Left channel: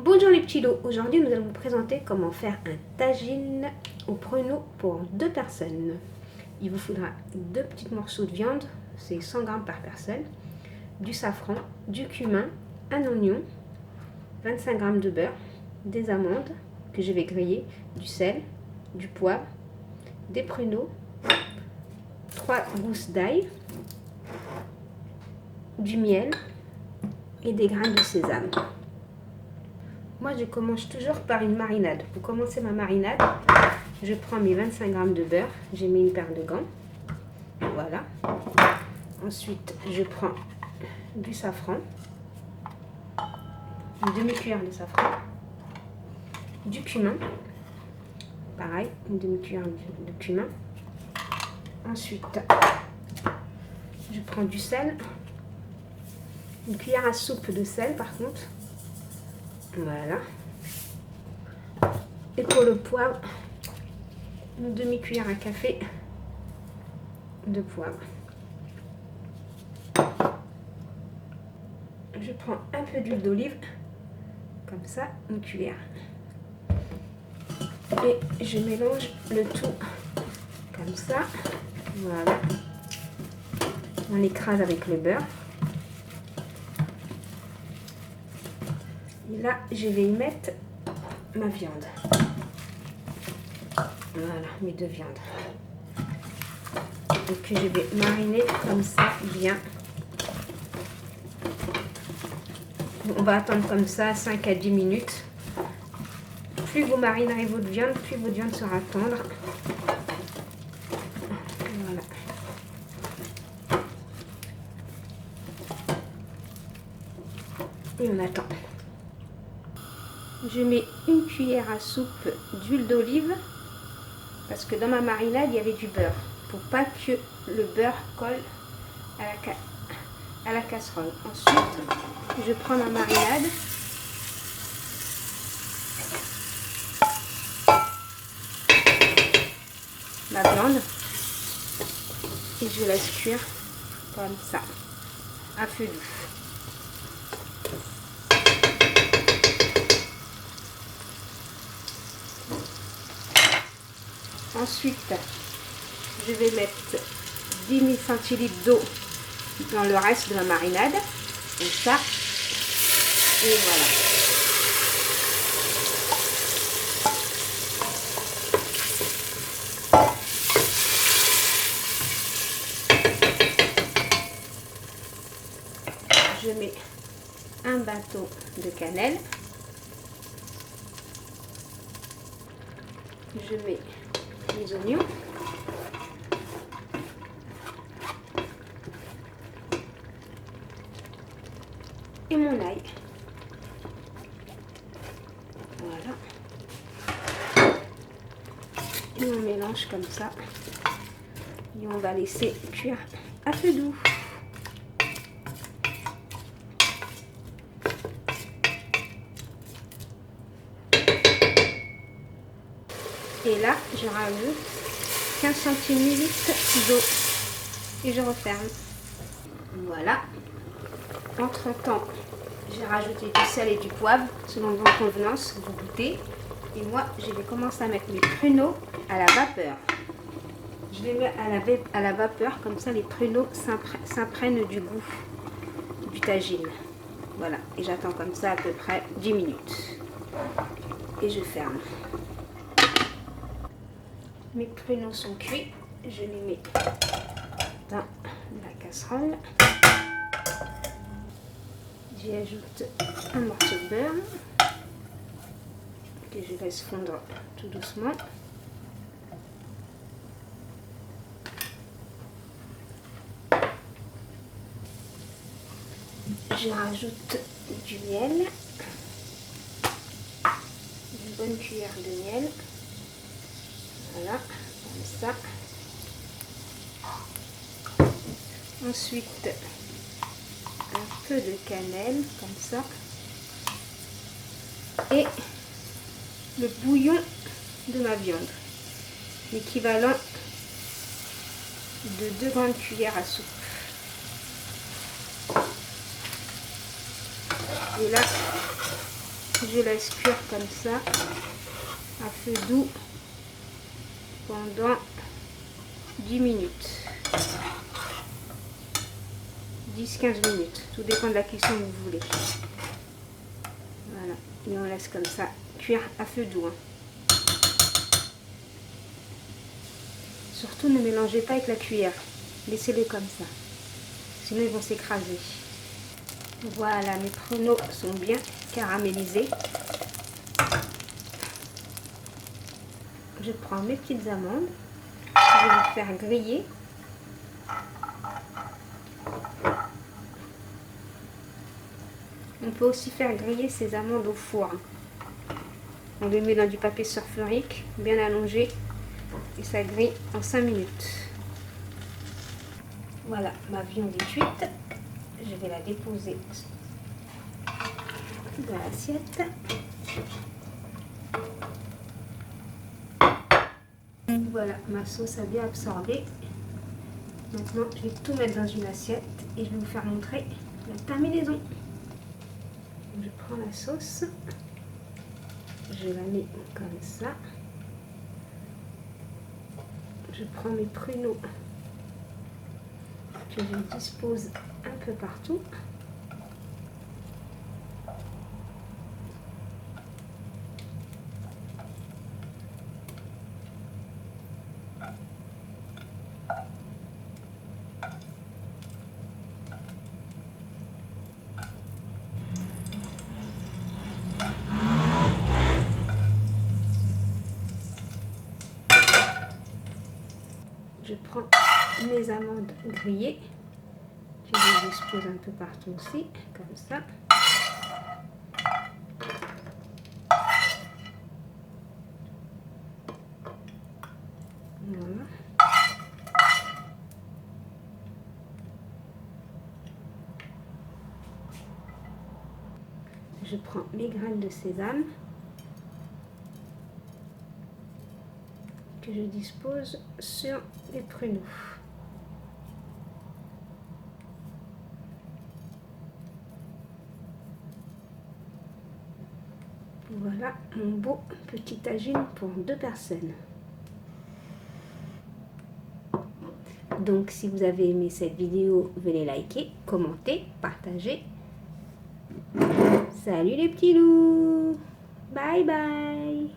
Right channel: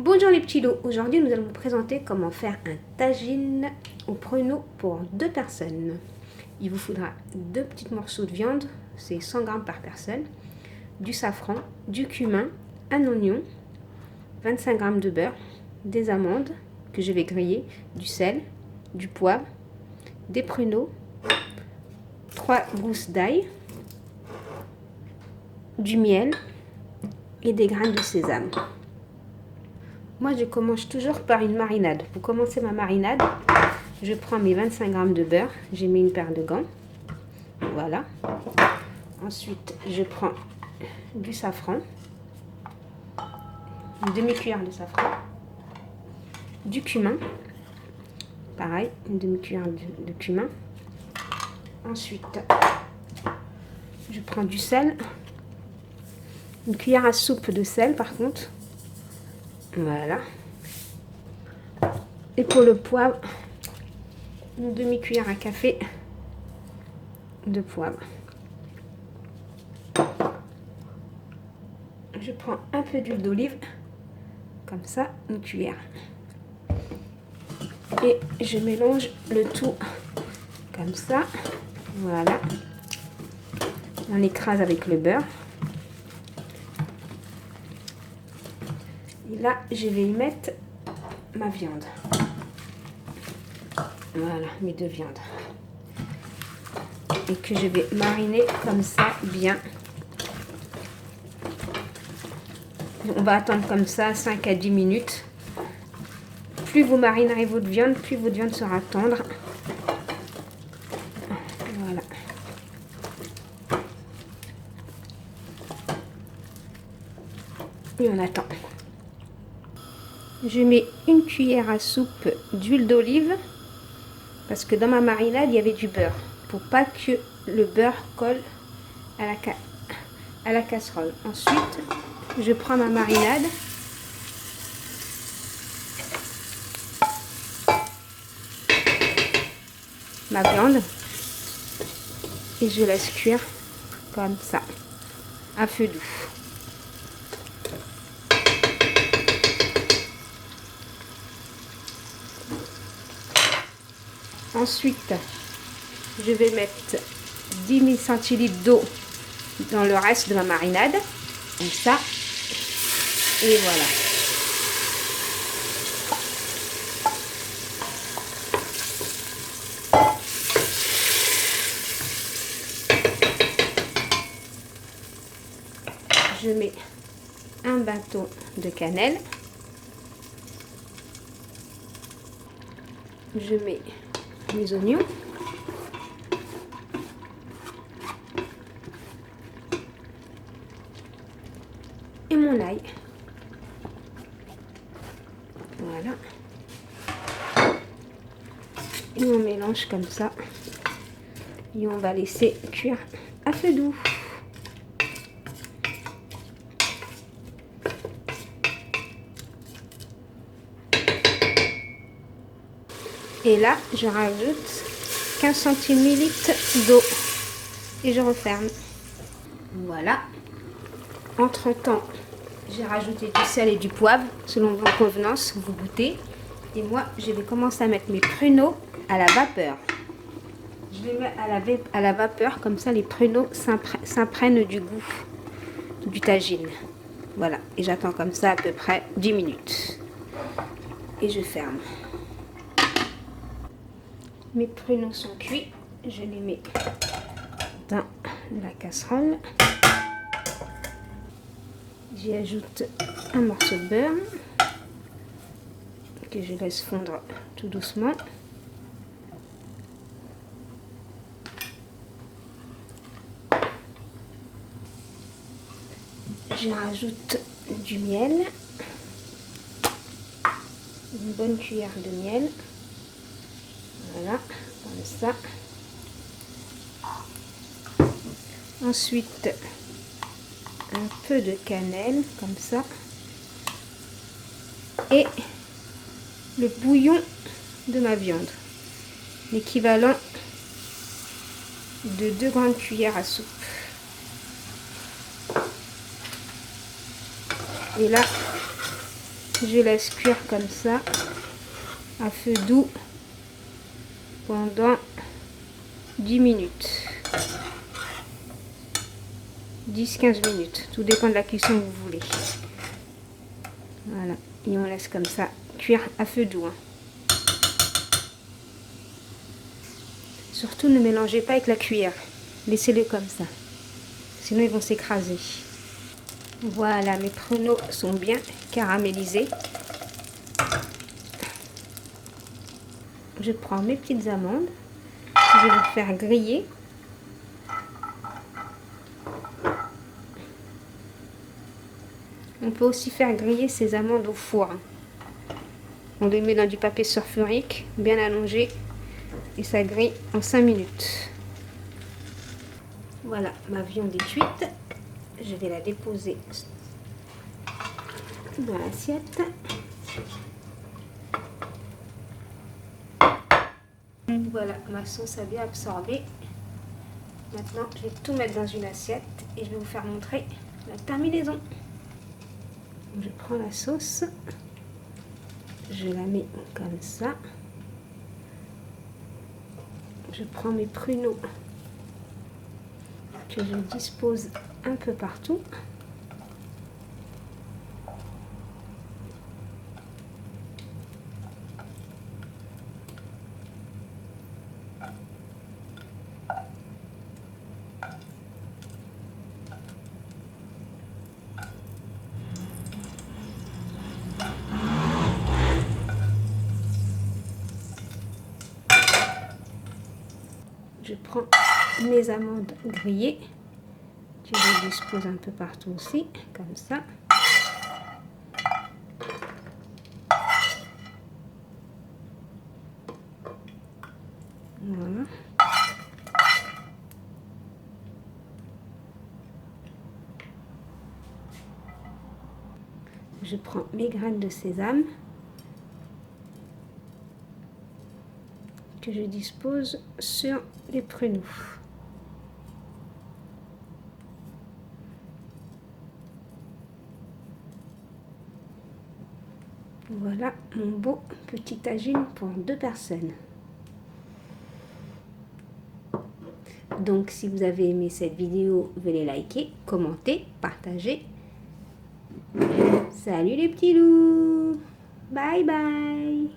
Bonjour les petits lots, aujourd'hui nous allons vous présenter comment faire un tagine au pruneau pour 2 personnes. Il vous faudra 2 petits morceaux de viande, c'est 100 g par personne, du safran, du cumin, un oignon, 25 g de beurre, des amandes que je vais griller, du sel, du poivre, des pruneaux, 3 gousses d'ail, du miel et des graines de sésame. Moi, je commence toujours par une marinade. Pour commencer ma marinade, je prends mes 25 g de beurre. J'ai mis une paire de gants. Voilà. Ensuite, je prends du safran. Une demi-cuillère de safran. Du cumin. Pareil, une demi-cuillère de cumin. Ensuite, je prends du sel. Une cuillère à soupe de sel, par contre. Voilà. Et pour le poivre, une demi-cuillère à café de poivre. Je prends un peu d'huile d'olive, comme ça, une cuillère. Et je mélange le tout comme ça. Voilà. On écrase avec le beurre. Et là, je vais y mettre ma viande. Voilà, mes 2 viandes. Et que je vais mariner comme ça, bien. On va attendre comme ça 5 à 10 minutes. Plus vous marinerez votre viande, plus votre viande sera tendre. Voilà. Et on attend. Je mets une cuillère à soupe d'huile d'olive parce que dans ma marinade il y avait du beurre pour pas que le beurre colle à la casserole. Ensuite, je prends ma marinade, ma viande et je laisse cuire comme ça à feu doux. Ensuite, je vais mettre 10 000 centilitres d'eau dans le reste de ma marinade, comme ça, et voilà. Je mets un bâton de cannelle, je mets les oignons, et mon ail. Voilà. Et on mélange comme ça. Et on va laisser cuire à feu doux. Et là, je rajoute 15 centilitres d'eau. Et je referme. Voilà. Entre-temps, j'ai rajouté du sel et du poivre, selon vos convenances, vous goûtez. Et moi, je vais commencer à mettre mes pruneaux à la vapeur. Je les mets à la vapeur, comme ça les pruneaux s'imprègnent du goût du tagine. Voilà, et j'attends comme ça à peu près 10 minutes. Et je ferme. Mes pruneaux sont cuits, je les mets dans la casserole. J'y ajoute un morceau de beurre que je laisse fondre tout doucement. Je rajoute du miel, une bonne cuillère de miel. Voilà, comme ça. Ensuite, un peu de cannelle, comme ça. Et le bouillon de ma viande, l'équivalent de 2 grandes cuillères à soupe. Et là, Je laisse cuire comme ça, à feu doux, pendant 10 minutes. 10-15 minutes, tout dépend de la cuisson que vous voulez. Voilà, et on laisse comme ça cuire à feu doux. Surtout ne mélangez pas avec la cuillère, laissez-les comme ça, sinon ils vont s'écraser. Voilà, mes pruneaux sont bien caramélisés. Je prends mes petites amandes, je vais les faire griller. On peut aussi faire griller ces amandes au four. On les met dans du papier sulfurique bien allongé et ça grille en 5 minutes. Voilà, ma viande est cuite. Je vais la déposer dans l'assiette. Voilà, ma sauce a bien absorbé. Maintenant, je vais tout mettre dans une assiette et je vais vous faire montrer la terminaison. Je prends la sauce, je la mets comme ça. Je prends mes pruneaux que je dispose un peu partout. Je prends mes amandes grillées, que je dispose un peu partout aussi, comme ça. Voilà. Je prends mes graines de sésame que je dispose sur les pruneaux. Voilà mon beau petit tagine pour 2 personnes. Donc si vous avez aimé cette vidéo, veuillez liker, commenter, partager. Salut les petits loups! Bye bye!